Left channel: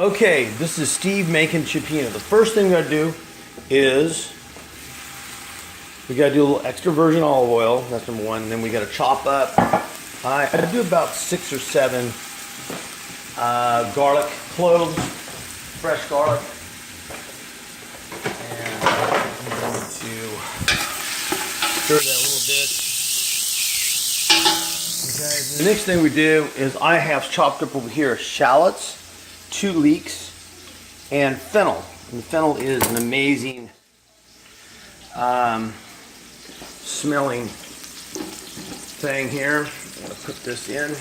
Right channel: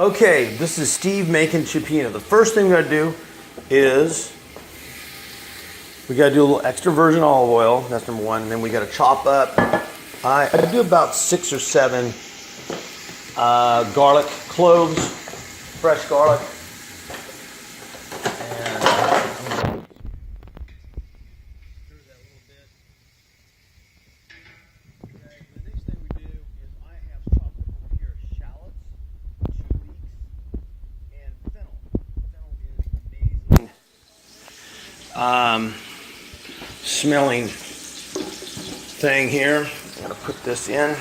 Okay, this is Steve making cioppino. The first thing we gotta do is we gotta do a little extra virgin olive oil. That's number one. And then we gotta chop up. I do about 6 or 7 garlic cloves, fresh garlic. And I'm going to stir that a little bit. Okay. The next thing we do is I have chopped up over here shallots, 2 leeks, and fennel. And fennel is an amazing smelling thing here. I'm gonna put this in. Okay,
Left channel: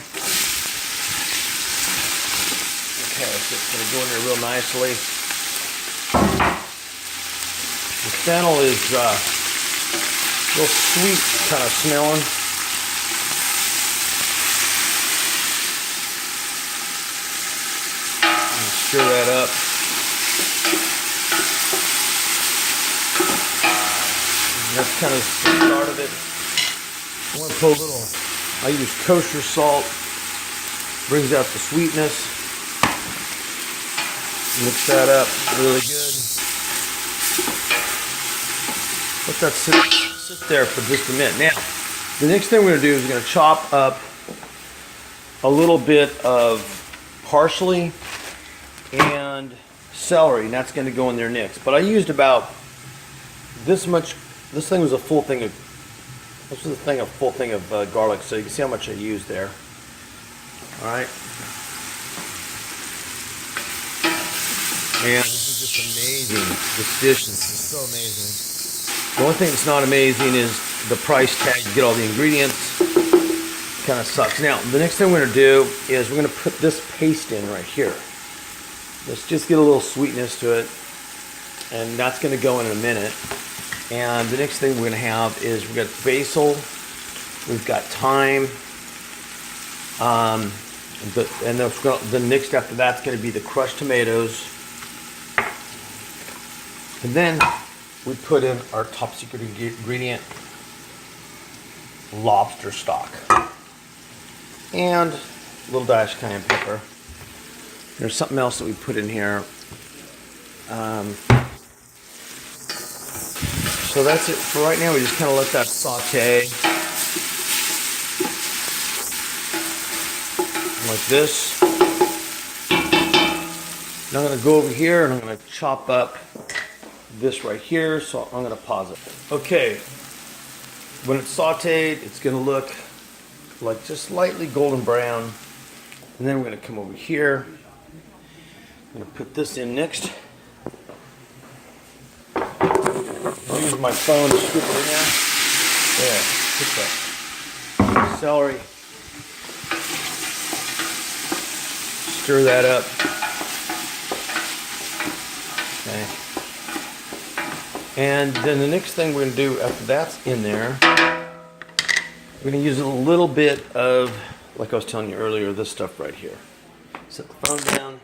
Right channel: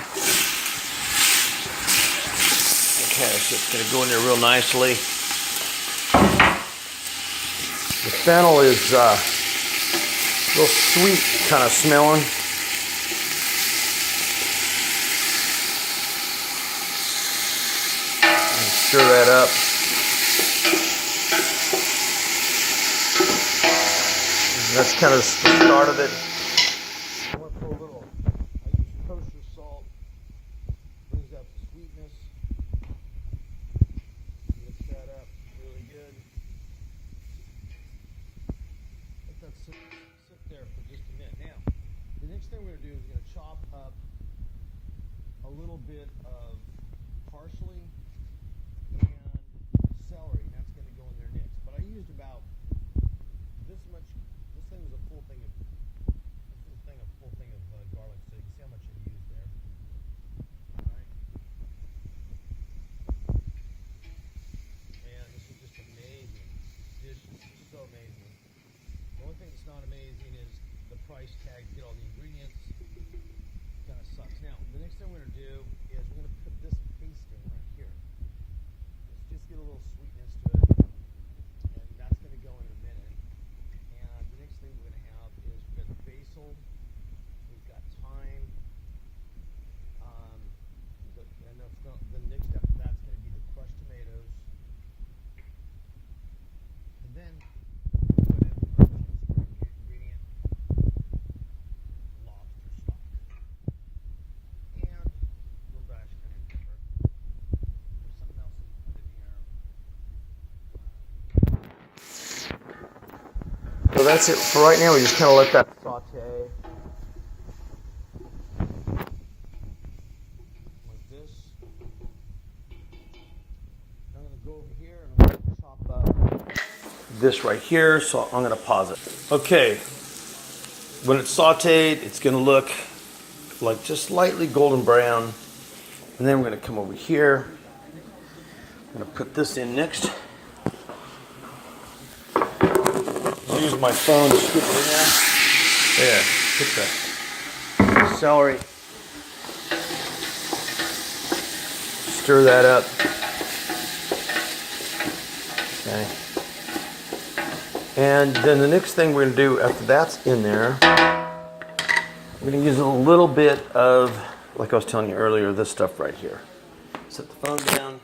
so it's gonna go in there real nicely. The fennel is real sweet kind of smelling. Stir that up. And that's kind of the start of it. I want to put a little, I use kosher salt, brings out the sweetness. Mix that up really good. Let that sit there for just a minute. Now, the next thing we're going to do is we're going to chop up a little bit of parsley and celery, and that's going to go in there next. But I used about this much. This thing was a full thing of. This was a full thing of garlic, so you can see how much I used there. All right, and this is just amazing. This dish is so amazing. The only thing that's not amazing is the price tag. You get all the ingredients. Kind of sucks. Now, the next thing we're going to do is we're going to put this paste in right here. Let's just get a little sweetness to it, and that's going to go in a minute. And the next thing we're going to have is we've got basil, we've got thyme, and the next after that's going to be the crushed tomatoes, and then we put in our top secret ingredient, lobster stock, and a little dash of cayenne pepper. There's something else that we put in here. So that's it for right now. We just kind of let that saute like this. Now I'm going to go over here and I'm going to chop up this right here. So I'm going to pause it. Okay, when it's sauteed, it's going to look like just slightly golden brown. And then we're going to come over here. I'm going to put this in next. Use my phone to scoop it in there. There, put the celery. Stir that up. Okay. And then the next thing we're going to do after that's in there, we're going to use a little bit of, like I was telling you earlier, this stuff right here. Set the phone down.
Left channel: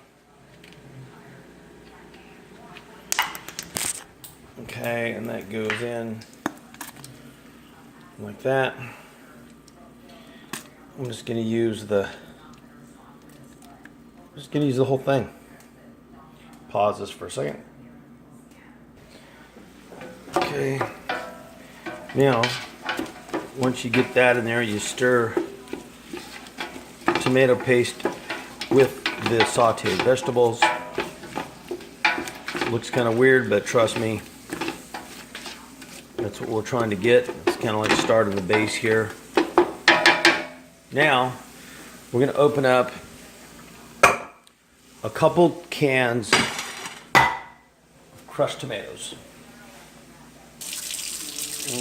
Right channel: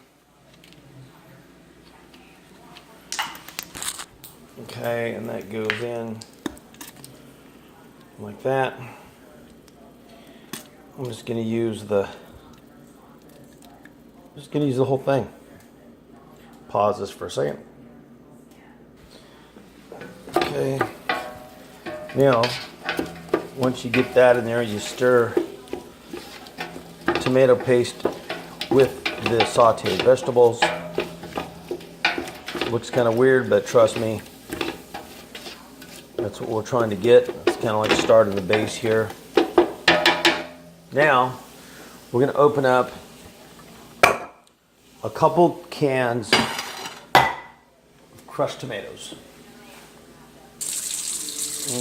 Okay, and that goes in like that. I'm just going to use the whole thing. Pause this for a second. Okay. Now, once you get that in there, you stir tomato paste with the sauteed vegetables. Looks kind of weird, but trust me, that's what we're trying to get. It's kind of like starting the base here. Now, we're going to open up a couple cans of crushed tomatoes.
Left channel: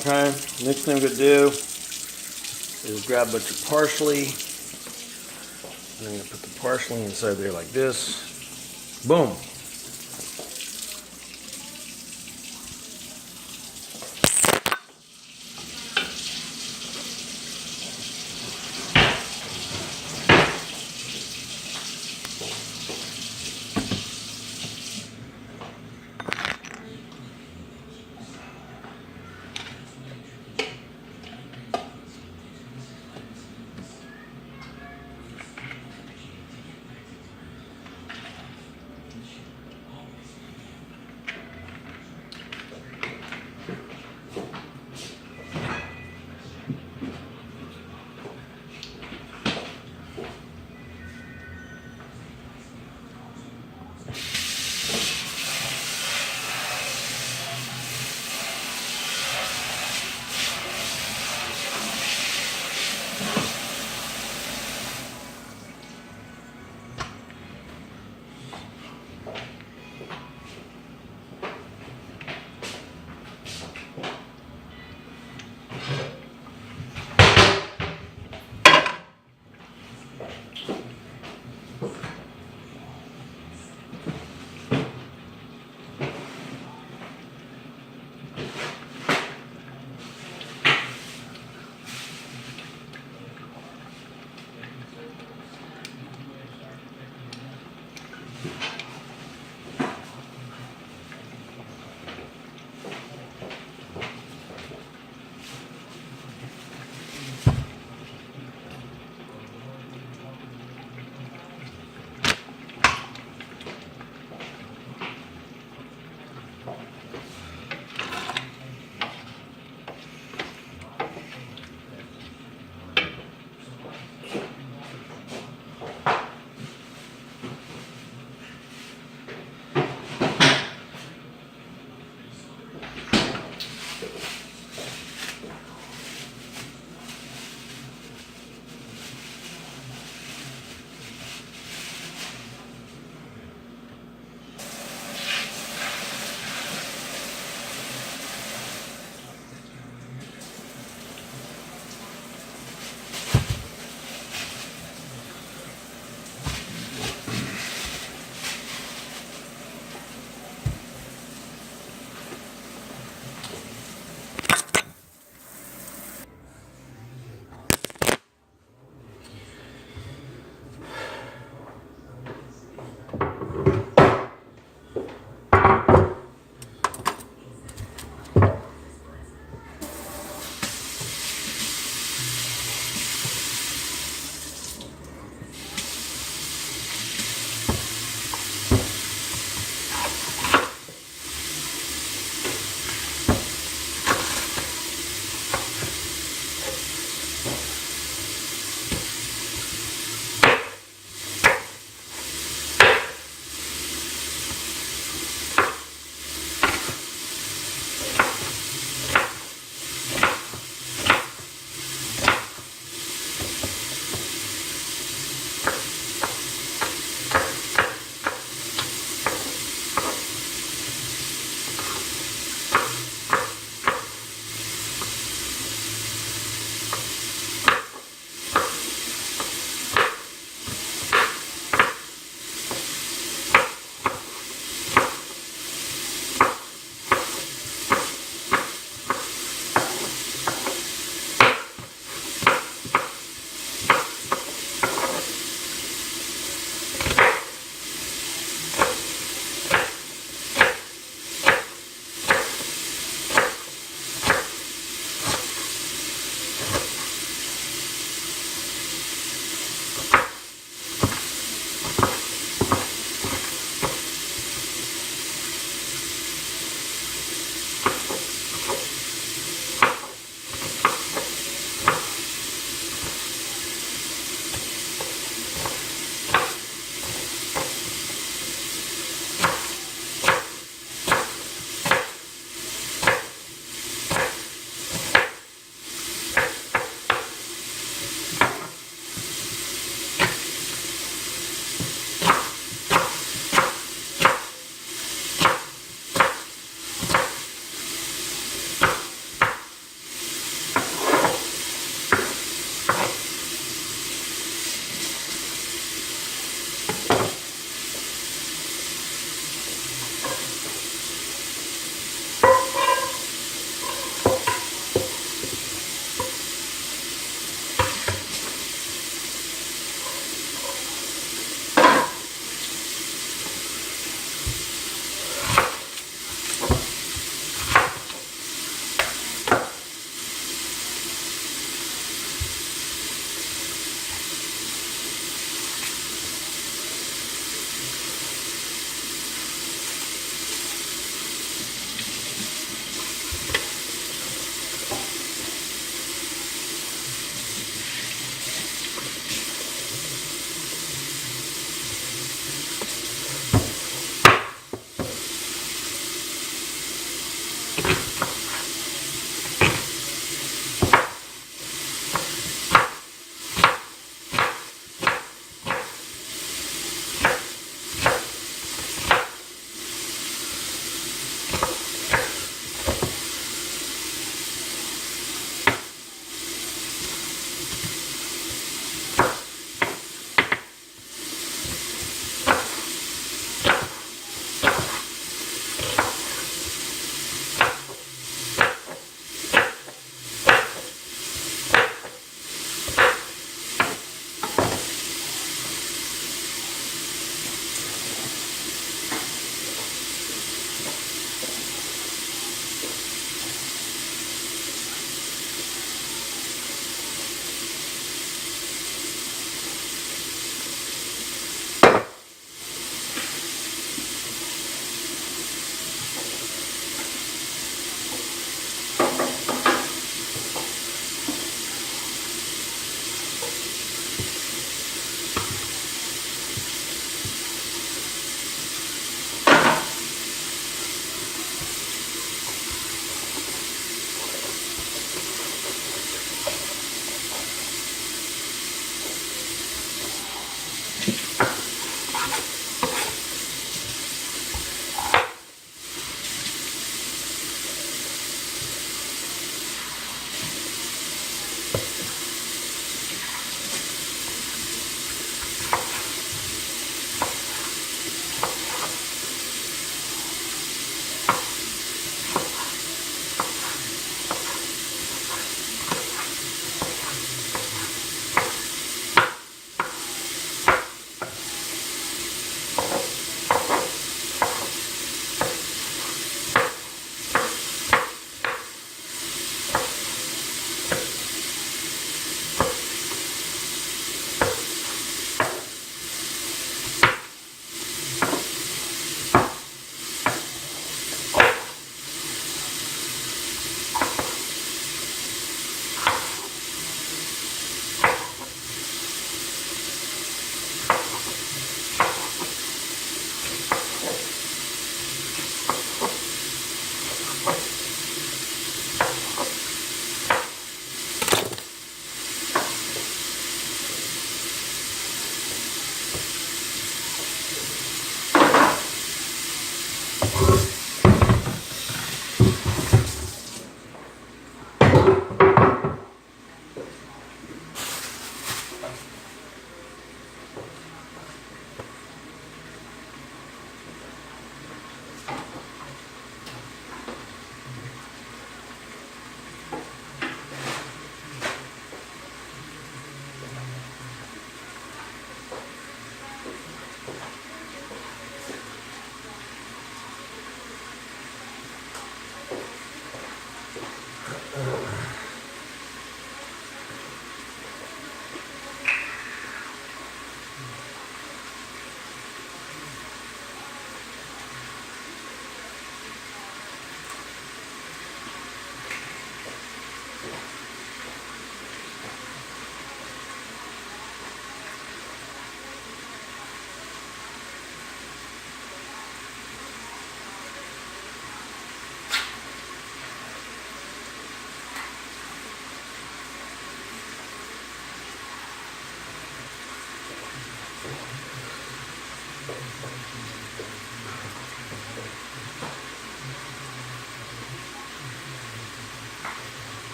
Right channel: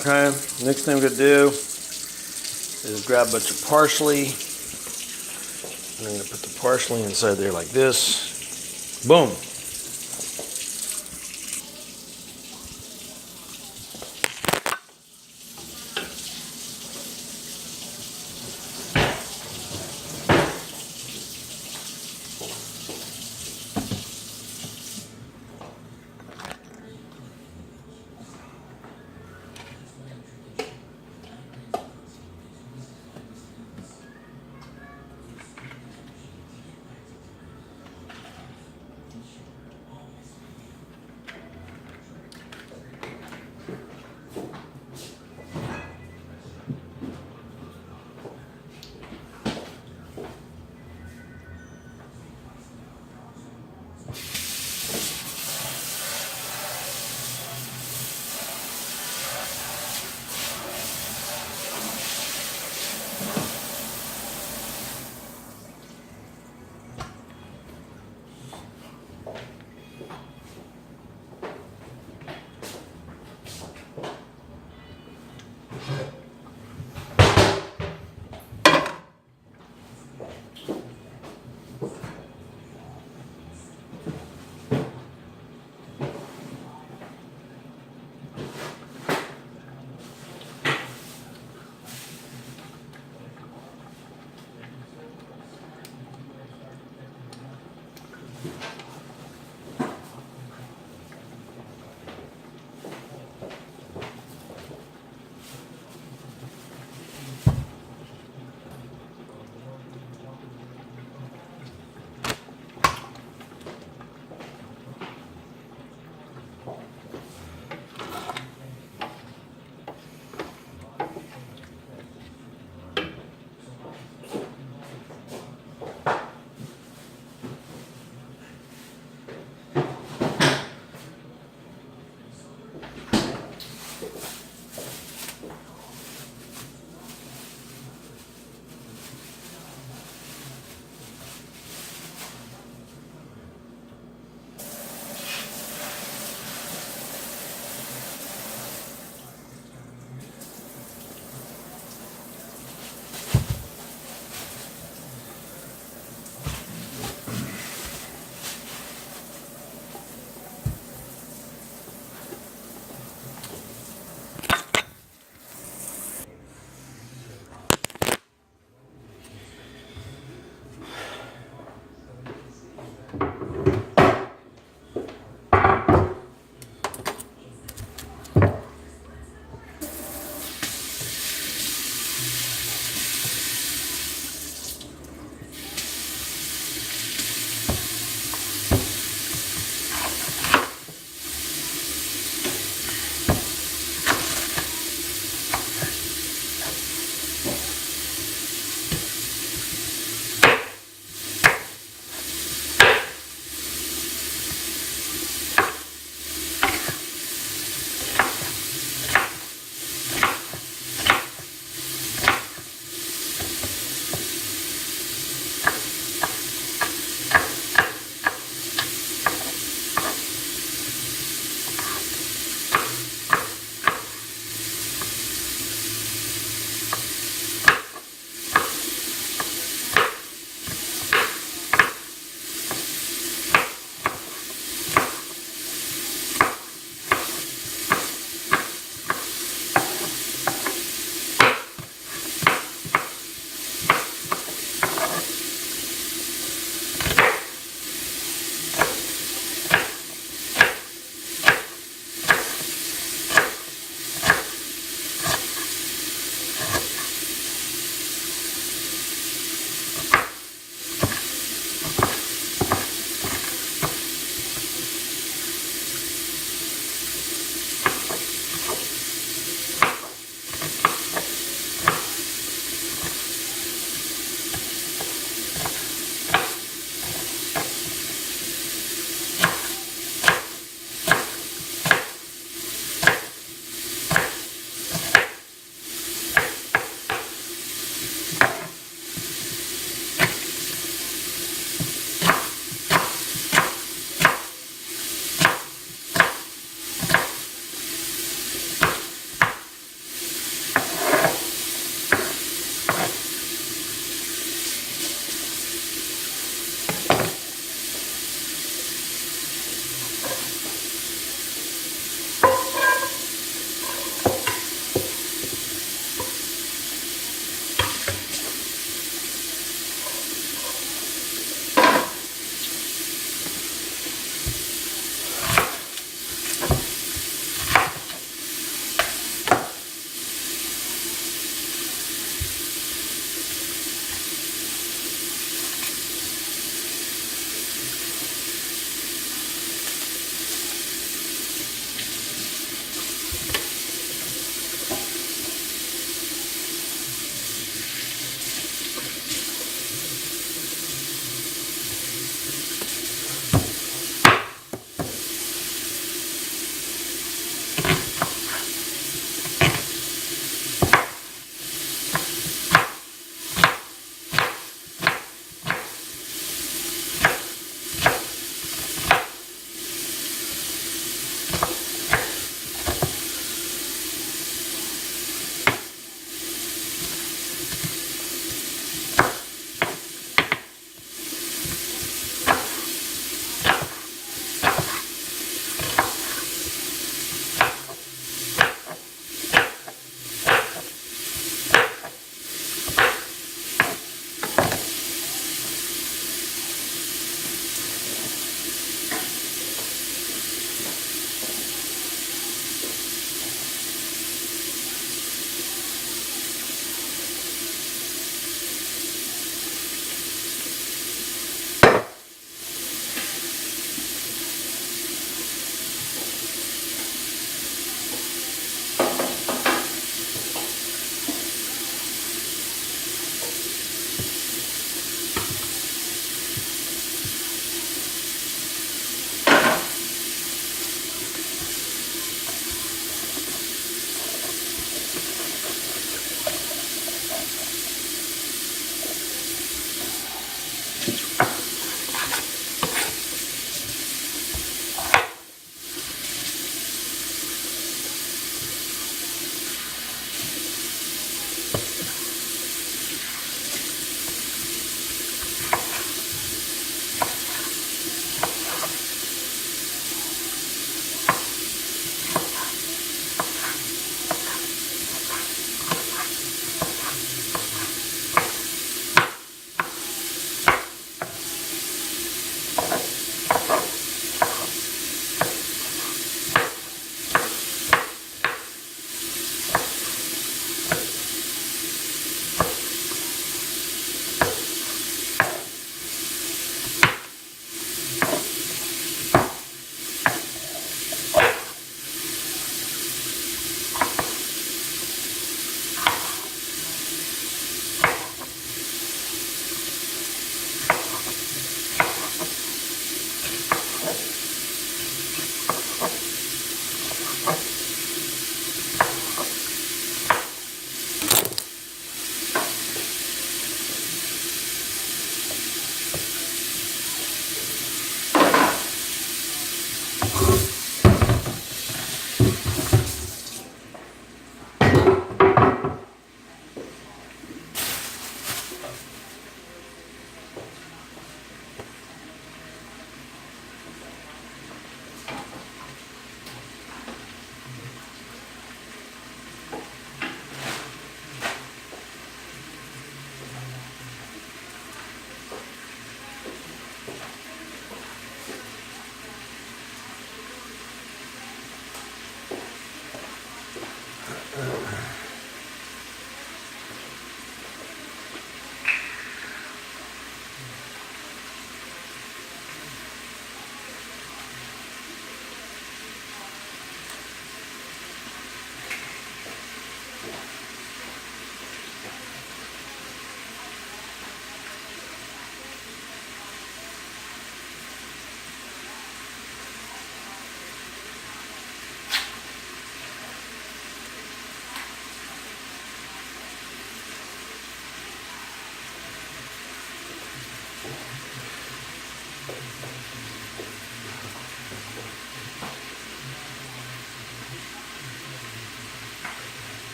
Okay, next thing we're going to do is grab a bunch of parsley. I'm going to put the parsley inside there like this. Boom.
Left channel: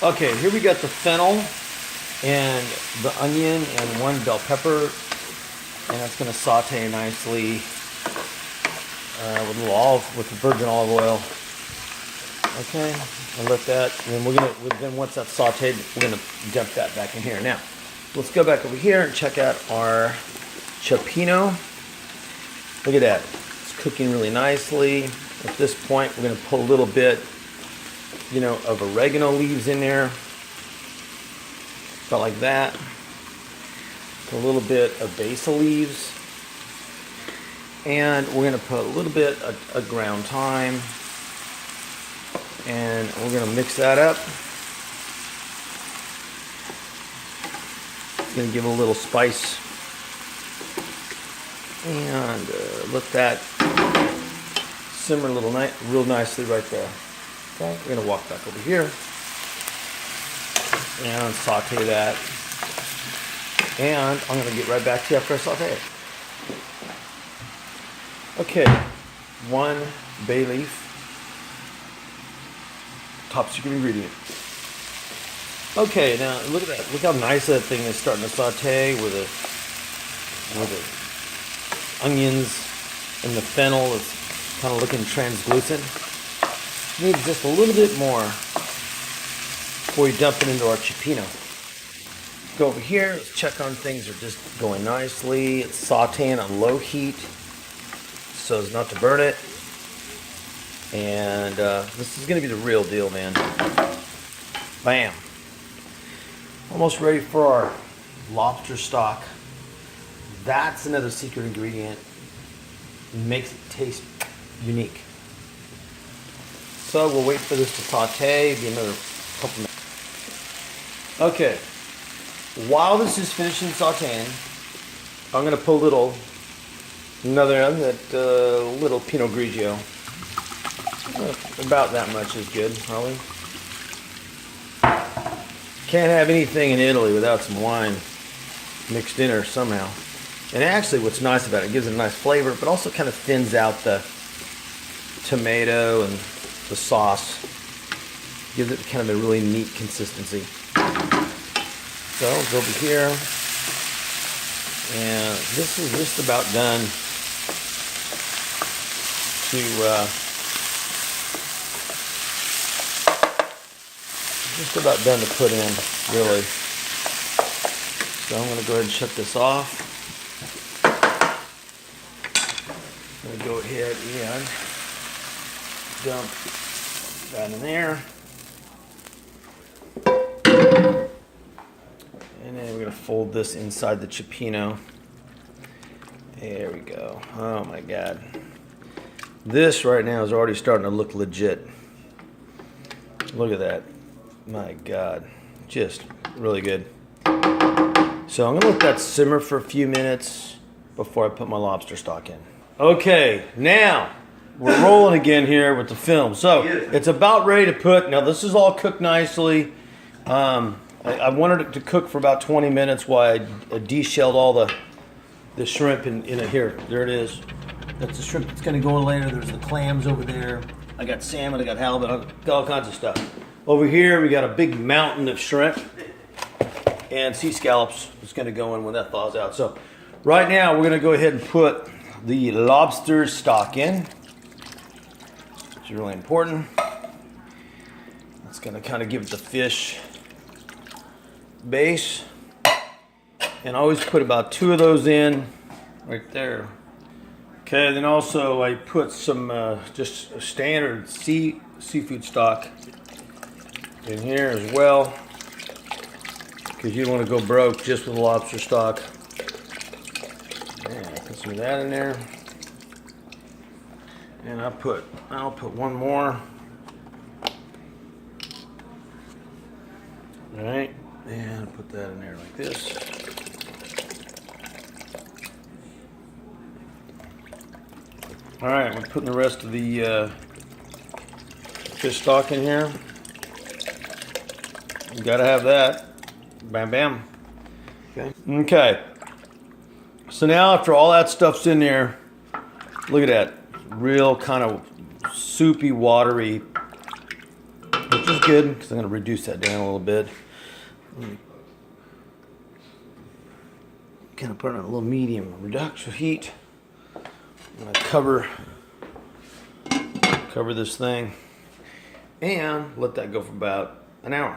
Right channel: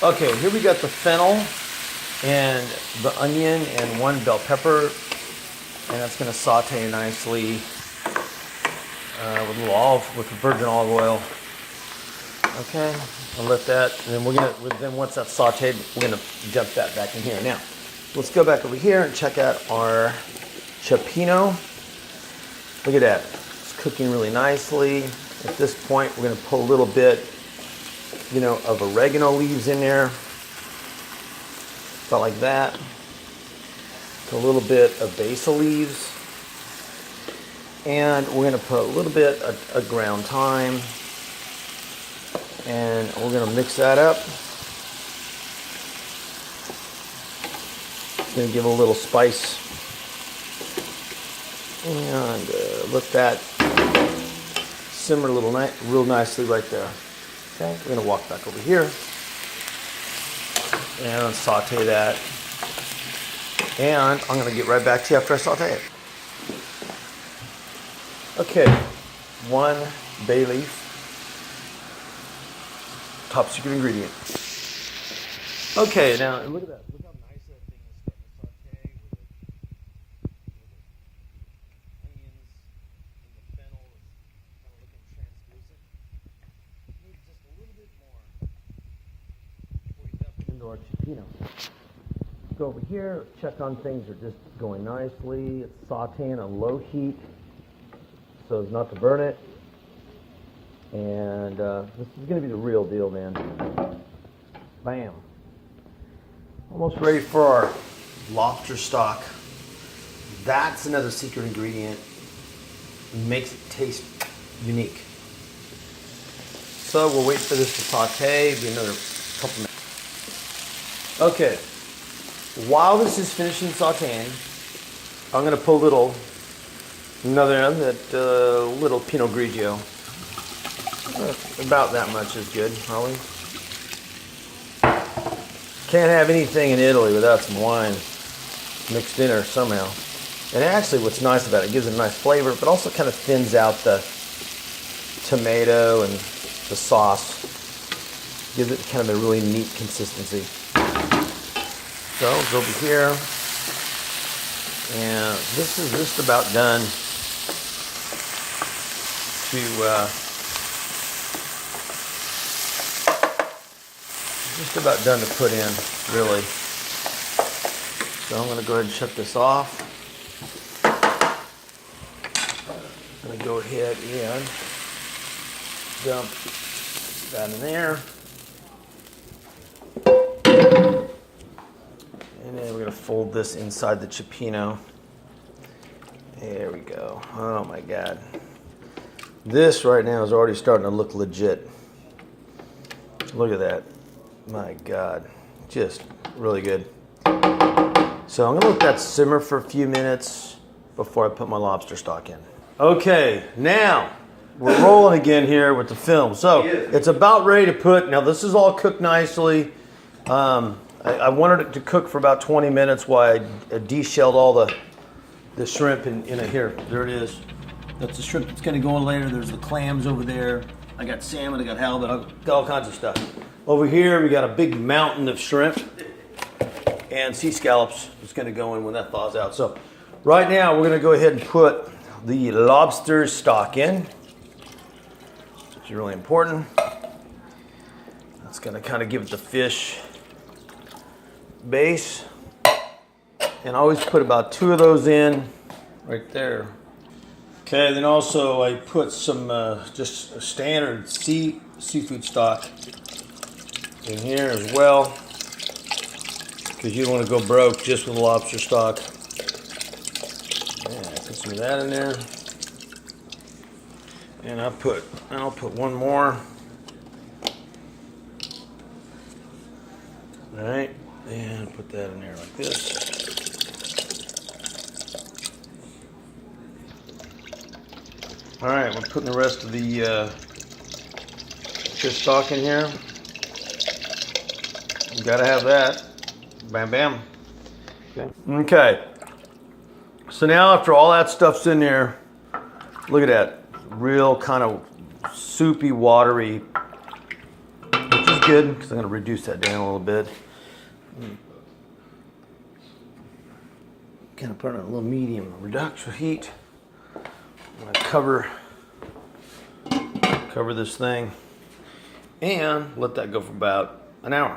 Okay, here we got the fennel and the onion and one bell pepper, and that's going to saute nicely with a little with the virgin olive oil. Okay, I'll let that, and then then once that's sauteed, we're gonna dump that back in here. Now, let's go back over here and check out our cioppino. Look at that, it's cooking really nicely. At this point, we're gonna put a little bit, of oregano leaves in there, about like that. A little bit of basil leaves, and we're gonna put a little bit of ground thyme. And we're going to mix that up. Going to give a little spice. And let that simmer real nicely right there. Okay, we're going to walk back over here. And saute that. And I'm going to get right back to you after I saute it. Okay, 1 bay leaf. Top secret ingredient. Okay, now look at that. Look how nice that thing is starting to saute with the onions and the fennel is kind of looking translucent. Need just a little bit more before you dump it into our cioppino. Go over here. Let's check on things are just going nicely. It's sauteing on low heat so as not to burn it. And this is going to be the real deal, man. Bam. Almost ready for our lobster stock. That's another secret ingredient. It makes it taste unique. So we'll wait for this to saute, be another couple minutes. Okay. While this is finishing sauteing, I'm going to put little Pinot Grigio. About that much is good, probably. Can't have anything in Italy without some wine mixed in there somehow. And actually what's nice about it gives it a nice flavor, but also kind of thins out the tomato and the sauce. Gives it kind of a really neat consistency. So I'll go over here. And this is just about done to put in, really. So I'm going to go ahead and shut this off. I'm going to go ahead and dump that in there. And then we're going to fold this inside the cioppino. There we go. Oh my God. This right now is already starting to look legit. Look at that. My God. Just really good. So I'm going to let that simmer for a few minutes before I put my lobster stock in. Okay, now we're rolling again here with the film. So it's about ready to put. Now this is all cooked nicely. I wanted it to cook for about 20 minutes while I de-shelled all the shrimp in it. Here, there it is. That's the shrimp that's going to go in later. There's the clams over there. I got salmon, I got halibut, I got all kinds of stuff. Over here, we got a big mountain of shrimp and sea scallops. It's going to go in when that thaws out. So right now, we're going to go ahead and put the lobster stock in, which is really important. It's going to kind of give it the fish base. And I always put about 2 of those in right there. Okay, then also I put some just a standard seafood stock in here as well, because you don't want to go broke just with lobster stock. Yeah, put some of that in there, and I'll put one more. All right, and put that in there like this. All right, we're putting the rest of the fish stock in here. You gotta have that. Bam, bam. Okay. Okay. So now after all that stuff's in there, look at that. Real kind of soupy, watery, which is good because I'm gonna reduce that down a little bit. Kind of put it on a little medium reduction heat. I'm gonna cover this thing and let that go for about an hour.